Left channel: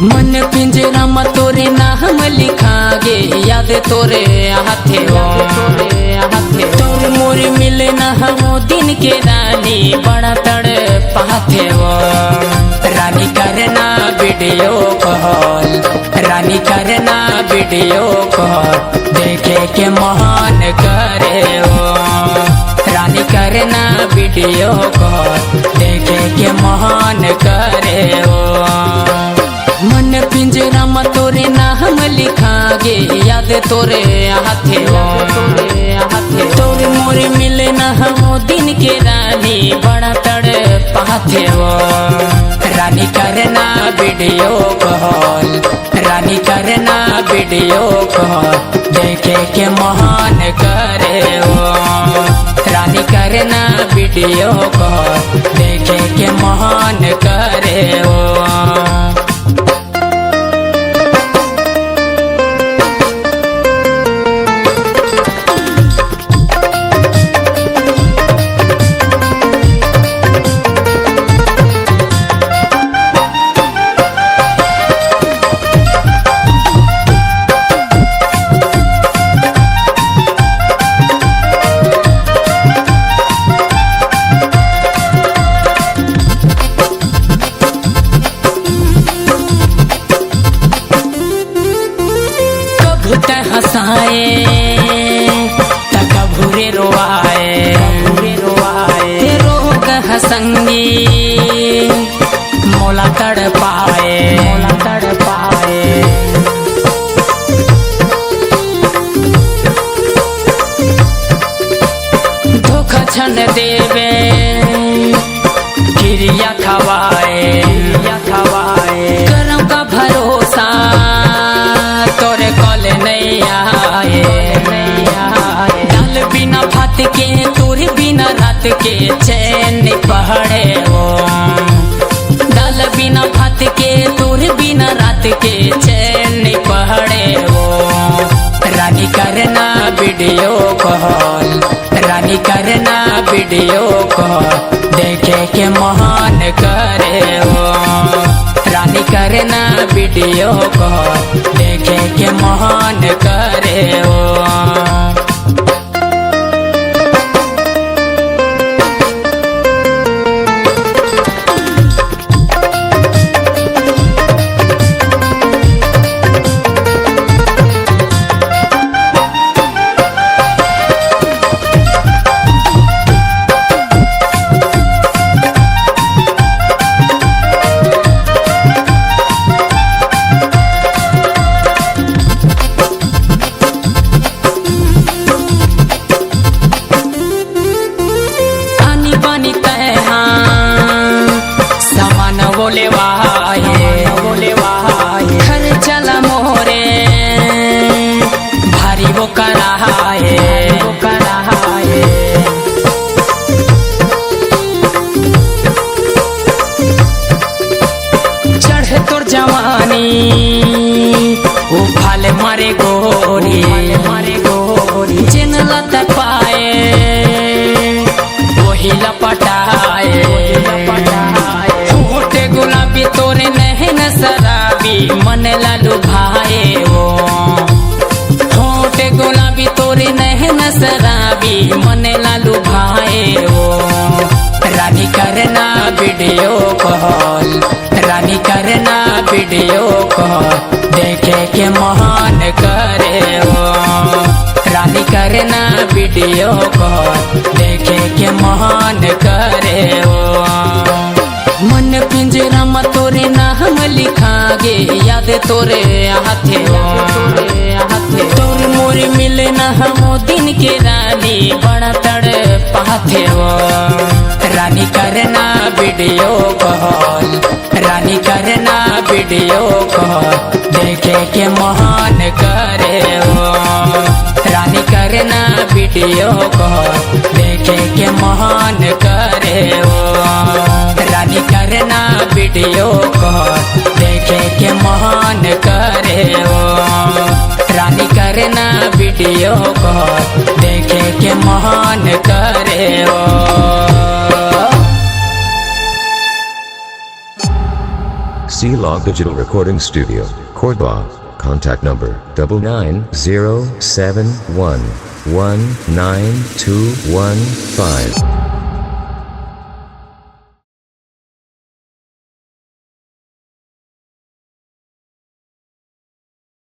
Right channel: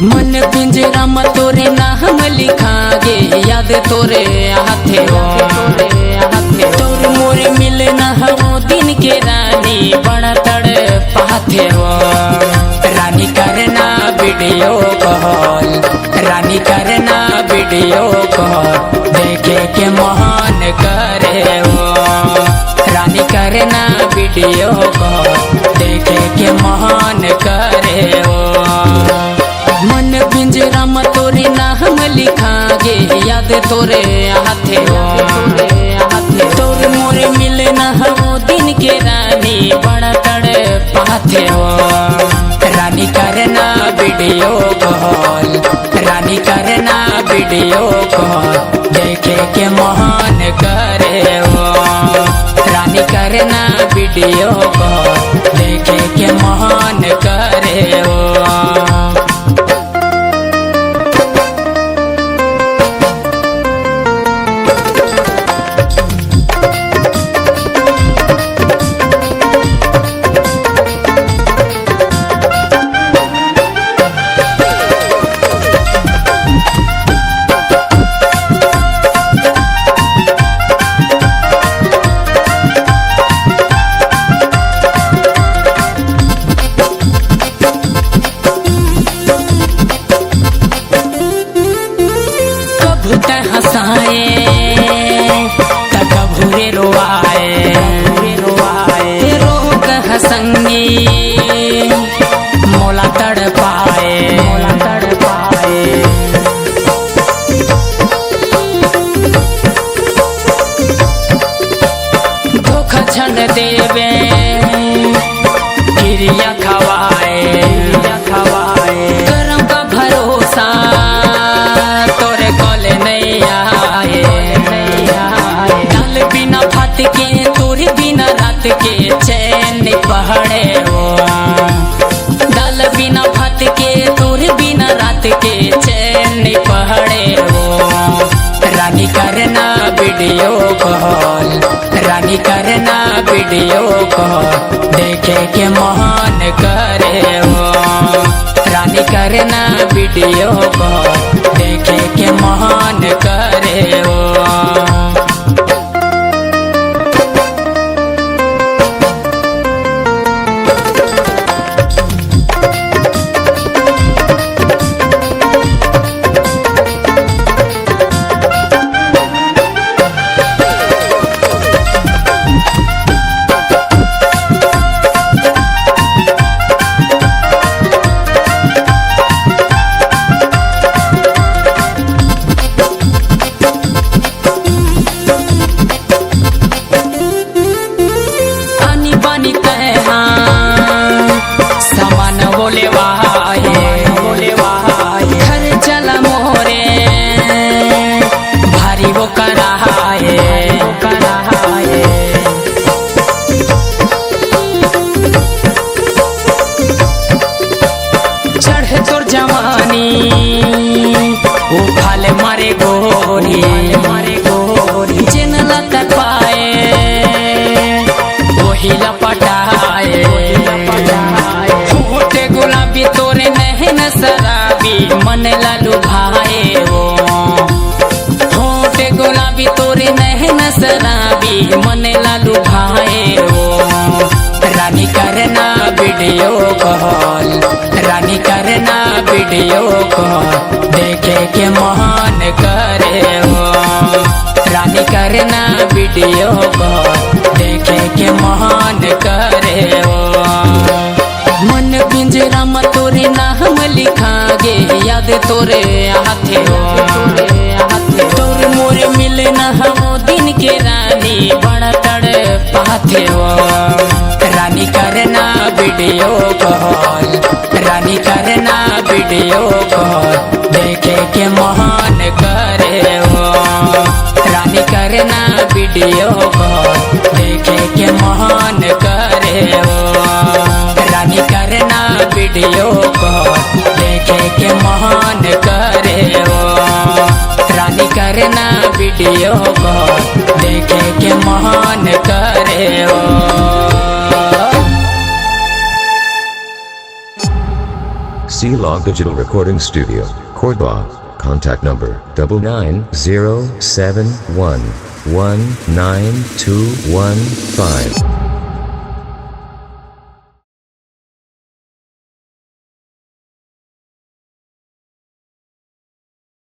मन पिंजरा में तोरे नाम लिखागे याद तोरे हाथे तोर मोरे मिले ना वो दिन के रानी बड़ा तड़ पाथे वो रानी करना वीडियो कॉल रानी करना वीडियो कॉल देखे के महान करे वो रानी करना वीडियो कॉल देखे के महान करे वो मन पिंजरा में तोरे नाम लिखागे याद तोरे हाथे तोर मोरे मिले ना वो दिन के रानी बड़ा तड़ पाथे वो रानी करना वीडियो कॉल रानी करना वीडियो कॉल देखे के महान करे वो रानी करना वीडियो कॉल देखे के महान करे वो हंसाए तकभूरे रोवाए रोग हसंगी मोला तड़ पाए धोखा छन देवे क्रिया खवाए करम का भरोसा तोरे कॉले नहीं आए दाल बिना भात के तोरे बिना रात के चैन नहीं पहड़े वो दाल बिना भात के तोरे बिना रात के चैन नहीं पहड़े वो रानी करना वीडियो कॉल रानी करना वीडियो कॉल देखे के महान करे वो रानी करना वीडियो कॉल देखे के महान करे वो सामान बोले वाहे घर चला मोरे भारी वो कराए चढ़ तोर जवानी वो फाल मारे गोरी जिन लत पाए वही लपटाए होटे गुलाबी तोरे नहन शराबी मन लालू भाए वो होटे गुलाबी तोरे नहन शराबी मन लालू भाए वो रानी करना वीडियो कॉल रानी करना वीडियो कॉल देखे के महान करे वो रानी करना वीडियो कॉल देखे के महान करे वो मन पिंजरा में तोरे नाम लिखागे याद तोरे हाथे तोर मोरे मिले ना वो दिन के रानी बड़ा तड़ पाथे वो रानी करना वीडियो कॉल रानी करना वीडियो कॉल देखे के महान करे वो रानी करना वीडियो कॉल देखे के महान करे वो रानी करना वीडियो कॉल देखे के महान करे वो रानी करना वीडियो कॉल देखे के महान करे वो C-Log Digital Recording Studio, Cordoba. Contact number 99071192215.